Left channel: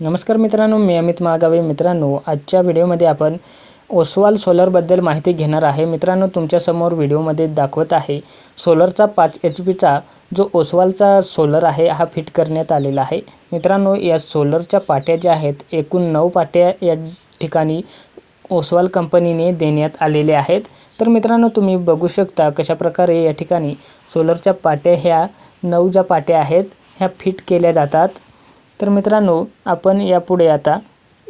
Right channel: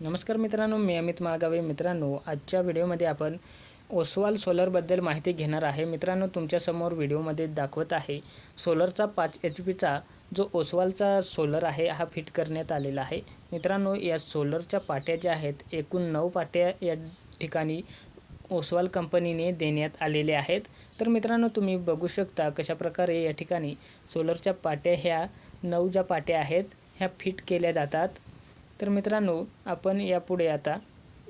नमस्कार मित्रांनो मी अमित माळगावे. मित्रांनो आजच्या व्हिडिओमध्ये आपण ओसवाल सोलरबद्दल माहिती घेणार आहे. मित्रांनो तुमच्यासमोर व्हिडिओमध्ये दाखवत आहे सोलरचा पाच एच पीचा जो ओसवालचा सोलर आहे हा फिट करण्यात आलेला आहे. मित्रांनो या सोलरच्या पाट्या ज्या आहेत एकूण नऊ पाट्या या ठिकाणी ओसवाल कंपनीने देण्यात आलेले आहेत. तर मित्रांनो तुम्ही बघू शकता कशाप्रकारे या ठिकाणी सोलरच्या पाट्या ह्या नऊ ज्या पाट्या आहेत ह्या फिट केल्या जातात. तर मित्रांनो आपण यापुढे आता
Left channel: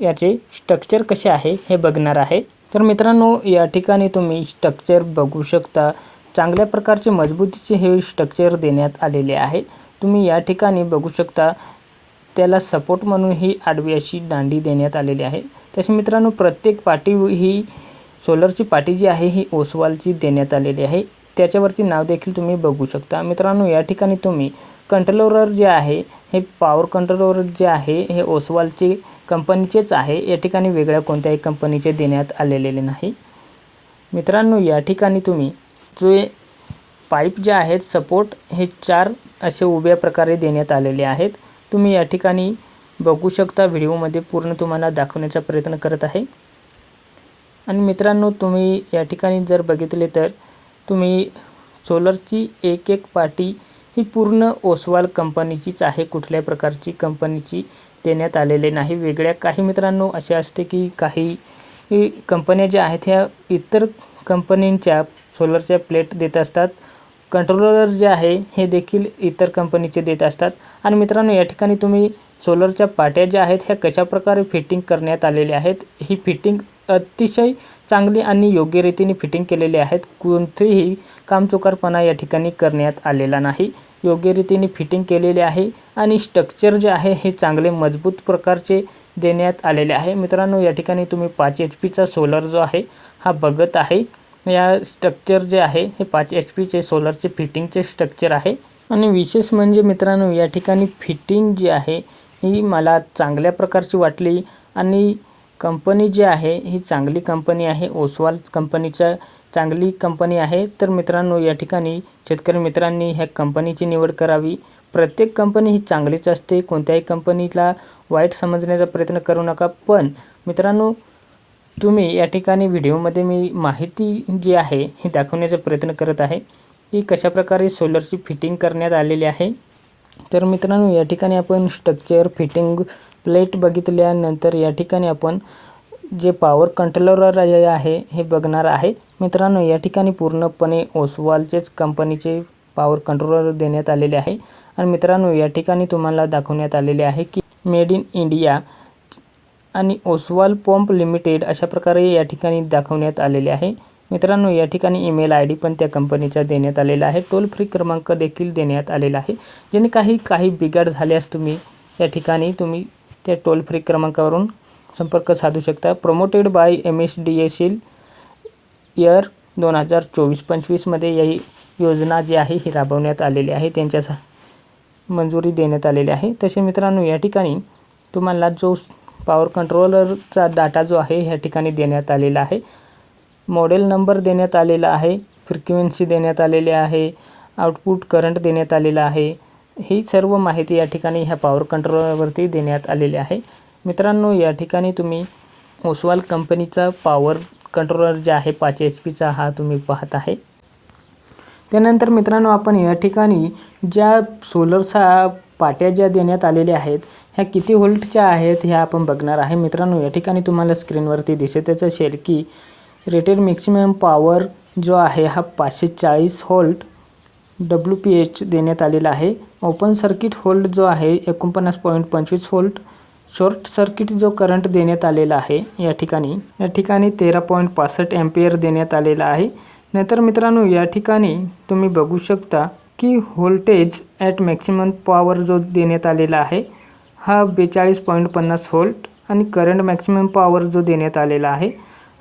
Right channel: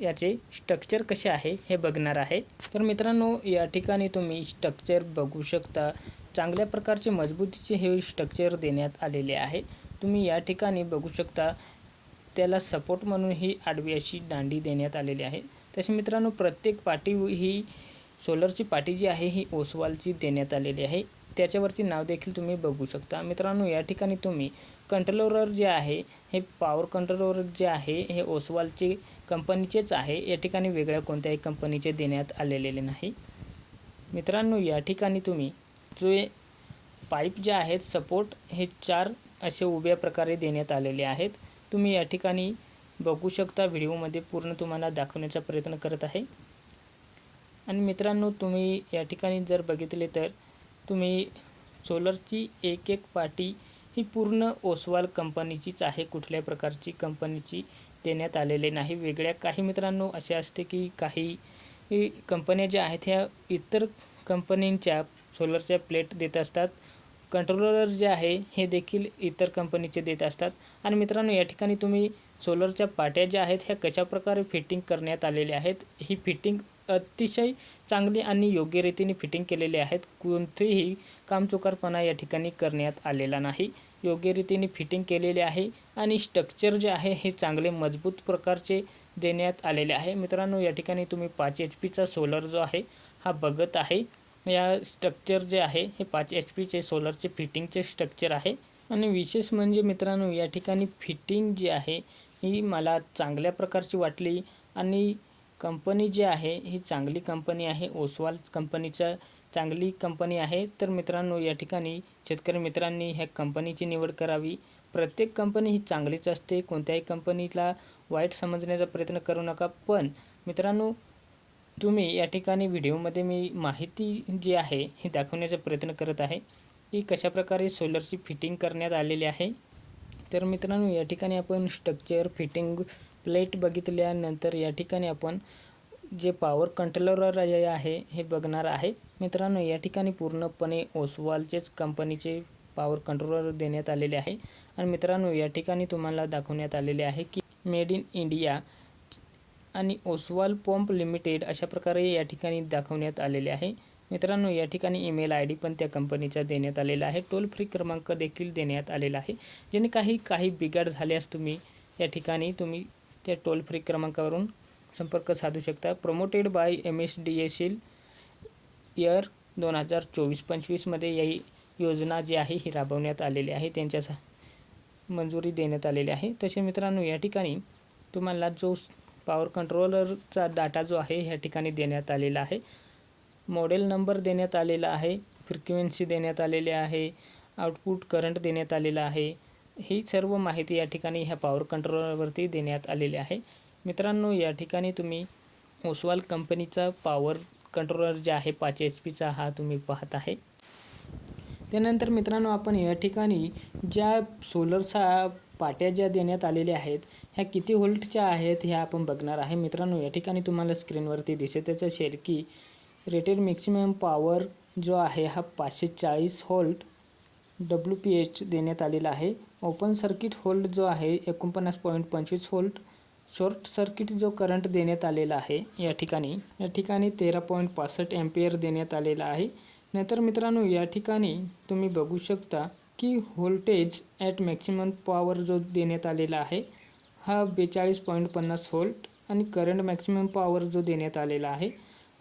याचे स्ट्रक्चर कसे आहे हे बघणार आहे. तर मित्रांनो या ठिकाणी तुम्ही स्ट्रक्चर बघू शकता. चांगल्या प्रकारचे मजबूतीचे हे स्ट्रक्चर देण्यात आलेले आहे. तुम्ही या ठिकाणी बघू शकता त्याला सपोर्ट म्हणून ही आडवी अशी दांडी देण्यात आलेली आहे. तसे मित्रांनो प्रत्येक पाटी ही सोलरची पाटी जी आहे ही ओसवालची देण्यात आलेली आहे. त्याच्यावरती नाव देखील तुम्ही बघू शकता. मित्रांनो या ठिकाणी तुम्ही कंट्रोलर जे आहे हे पॉवर कंट्रोलर जे आहे हे ओसवालचे कंपनीचेच आहे. या ठिकाणी वेगळ्या कोणत्याही कंपनीचे देण्यात आलेले नाही. मित्रांनो या ठिकाणी तुम्ही जे पाईप जे आहेत सपोर्ट हे चार असे उभ्या प्रकारे देण्यात आलेले आहेत. तुम्ही या ठिकाणी बघू शकता व्हिडिओमध्ये पूर्ण तुम्हाला दाखवण्याचा प्रयत्न करत आहे. आणि मित्रांनो तुम्ही या ठिकाणी जर बघितले तर तुम्ही सोलरची एक एक पाटी ही पूर्ण ओसवाल कंपनीचीच आहे. कुठल्या प्रकारची कंपनीची देण्यात आलेले नाही. वेगळ्या काही मित्रांनो असे असते की काही कंपन्या ज्या आहेत ह्या इतर कंपनींच्या सोलरच्या प्लेट देत असतात. कंट्रोलर जे आहे हे देखील इतर कंपनीचे देत असतात. आणि मित्रांनो या ठिकाणी तुम्ही सोलरच्या पाट्या ज्या आहेत ह्या कशाप्रकारे फिटिंग करण्यात आलेल्या आहेत? ही फिटिंग अतिशय चांगली आणि योग्य रीतीने फिटिंग केलेली आहेत. कोणतेही कामचुकारपणा या ठिकाणी करण्यात आलेला नाही. योग्य रीतीने फिटिंग केलेले आहे आणि स्ट्रक्चर जे आहे हे चांगले मजबूत प्रकारचे देण्यात आलेले आहे. मित्रांनो या ठिकाणी तुम्ही पाच एच पीचा सोलर जो आहे हा बघत आहे. या स्ट्रक्चर जे आहे हे पाच एच पीचे सोलरचे फिटिंगचे स्ट्रक्चर आहे. आणि विशेष म्हणजे मित्रांनो या ठिकाणी फिटिंग जी आहे ही मला चांगल्या प्रकारची वाटली. आणि कंपनी जी आहे ही चांगली कंपनी आहे. ओसवाल कंपनीच्या चांगली कंपनी आहे. तर मित्रांनो या ठिकाणी शेतकरी मित्रांनी ह्या कंपनीची निवड करावी. प्रत्येक कंपनी ही चांगलीच असते. कोणत्याही कंपनीला वाईट समजण्याचा प्रयत्न करू नका. पण मित्रांनो तुम्ही या ठिकाणी व्हिडिओमध्ये मी माहिती जी आहे ही दाखवण्याचा प्रयत्न करत आहे की कशाप्रकारे सोलरची फिटिंग करण्यात आलेली आहे. तर मित्रांनो या ठिकाणी आपण स्ट्रक्चर फिटिंग प्लेट बघितल्यानंतर या ठिकाणी आपण जे पॉवर कंट्रोलर आहे हे बघणार आहे. मित्रांनो या ठिकाणी पूर्णपणे ओसवालचेच कंपनीचे पॉवर कंट्रोलर देण्यात आलेले आहे. आणि मित्रांनो या ठिकाणी तुम्हाला दाखवण्यात आलेले आहे की मेड इन इंडिया आणि ओसवाल पंप लिमिटेड अशा प्रकारे या ठिकाणी दाखवण्यात आलेले आहे. मित्रांनो या ठिकाणी ईमेल आय डी पण त्या कंपनीचा देण्यात आलेला आहे. टोल फ्री क्रमांक देखील देण्यात आलेला आहे. ज्याने काही काही बिघाड झाल्यास तुम्ही या ठिकाणी तुम्ही त्या टोल फ्री क्रमांकावरून संपर्क साधू शकता. Promoted by M S D S L year दोन हजार चोवीस पंचवीसमध्ये ही योजना जी आहे ही राबवण्यात आलेली आहे. त्यांच्या सा- मंजुरी देण्यात आलेली आहे. तसे मित्रांनो या ठिकाणी तुम्हाला जो पॉवर कंट्रोलरचा डाटा जो आहे ह्या ठिकाणी देण्यात आलेला आहे. मॉडेल नंबर देण्यात आलेला आहे फ्रिक्वेन्सी देण्यात आलेली आहे आउटपुट करंट देण्यात आलेला आहे. ही सर्व माहिती या ठिकाणी ह्या पॉवर कंट्रोलरवरती देण्यात आलेली आहे. मित्रांनो या ठिकाणी तुम्ही ओसवाल कंपनीचा पॉवर कंट्रोलर जे आहे पाच एच पीचा हा तुम्ही पाहत आहे. त्यानंतर मित्रांनो आपण या ठिकाणी ज्या सोलरचा पाट्या ज्या देण्यात आलेल्या आहेत ह्या किती व्होल्टच्या आहेत ह्या आपण बघणार आहे. मित्रांनो या ठिकाणी तुम्हाला स्क्रीनवरती दिसतच असेल की रेटेड मॅक्सिमम पॉवर जो आहे हा पाचशे चाळीस होल्ट डब्ल्यू पी एच देण्यात आलेला आहे. ओपन सर्किट होल्ड जो आहे एकोणपन्नास पॉईंट पंचवीस होल्ट शॉर्ट सर्किट जो करंट देण्यात आलेला आहे या ठिकाणी या ठिकाणी तेरा पॉईंट पासष्ट एम्पियर देण्यात आलेला आहे. नंतर मित्रांनो या ठिकाणी तुम्ही बघू शकता की व्होल्टेज ॲट मॅक्सिमम पॉवर जो देण्यात आलेला आहे हा बेचाळीस पॉईंट पन्नास होल्ट आणि करंट मॅक्सिमम पॉवर जो देण्यात आलेला आहे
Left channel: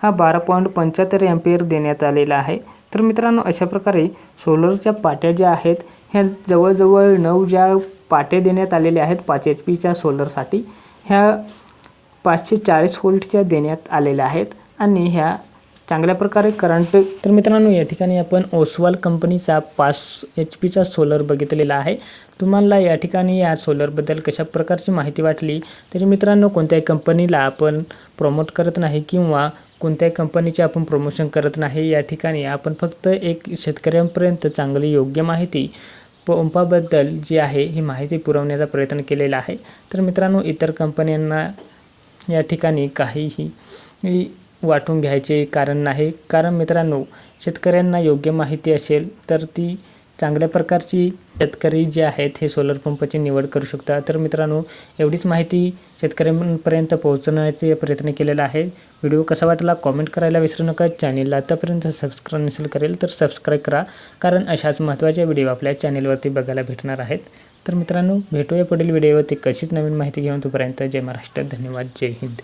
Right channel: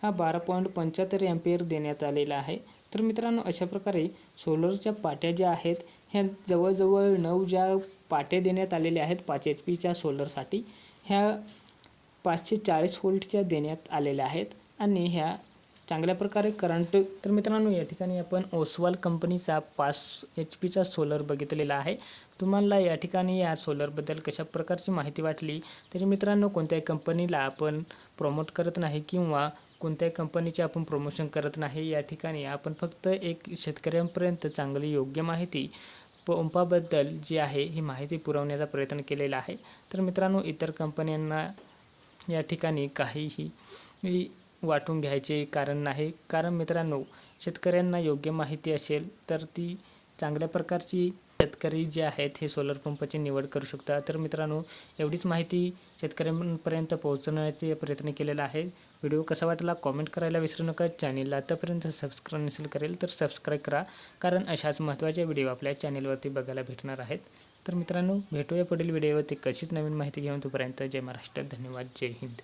हा बारा पॉईंट पंच्याहत्तर एम्पियर देण्यात आलेला आहे. तर मित्रांनो अशा प्रकारे सोलरच्या पाट्या ज्या आहेत ह्या जवळजवळ नऊ ज्या पाट्या देण्यात आलेल्या आहेत पाच एच पीच्या सोलरसाठी ह्या पाचशे चाळीस व्होल्टच्या देण्यात आलेल्या आहेत आणि ह्या चांगल्या प्रकारे करंट तर मित्रांनो या ठिकाणी आपण ओसवाल कंपनीचा पाच एच पीचा सोलर बघितलेला आहे. तुम्हाला या ठिकाणी या सोलरबद्दल कशा प्रकारची माहिती वाटली? तरी मित्रांनो कोणत्याही कंपनीला आपण प्रमोट करत नाही किंवा कोणत्याही कंपनीचे आपण प्रमोशन करत नाही या ठिकाणी आपण फक्त एक शेतकऱ्यांपर्यंत चांगली योग्य माहिती पंपाबद्दल जी आहे ही माहिती पुरवण्याचा प्रयत्न केलेला आहे. तर मित्रांनो इतर कंपन्यांना या ठिकाणी काहीही वाटून घ्यायचे कारण नाही. कारण मित्रांनो शेतकऱ्यांना योग्य माहिती असेल तर ती चांगल्या प्रकारची शेतकरी जे आहेत हे सोलर पंपाची निवड करू शकता तर मित्रांनो एवढीच माहिती शेतकऱ्यांपर्यंत पोहोचण्याचे प्रयत्न केलेला आहे. व्हिडिओ कसा वाटला कॉमेंट करायला विसरू नका. चॅनेलला आतापर्यंत सबस्क्राईब नसेल करेल तर सबस्क्राईब करा. कारण अशाच महत्त्वाच्या व्हिडिओ आपल्या चॅनेलवरती बघायला भेटणार आहेत. तर मित्रांनो भेटूया पुढील व्हिडिओवरती. कशीच नवीन माहिती घेऊन तोपर्यंत जय महाराष्ट्र. धन्यवाद. जय हिंद.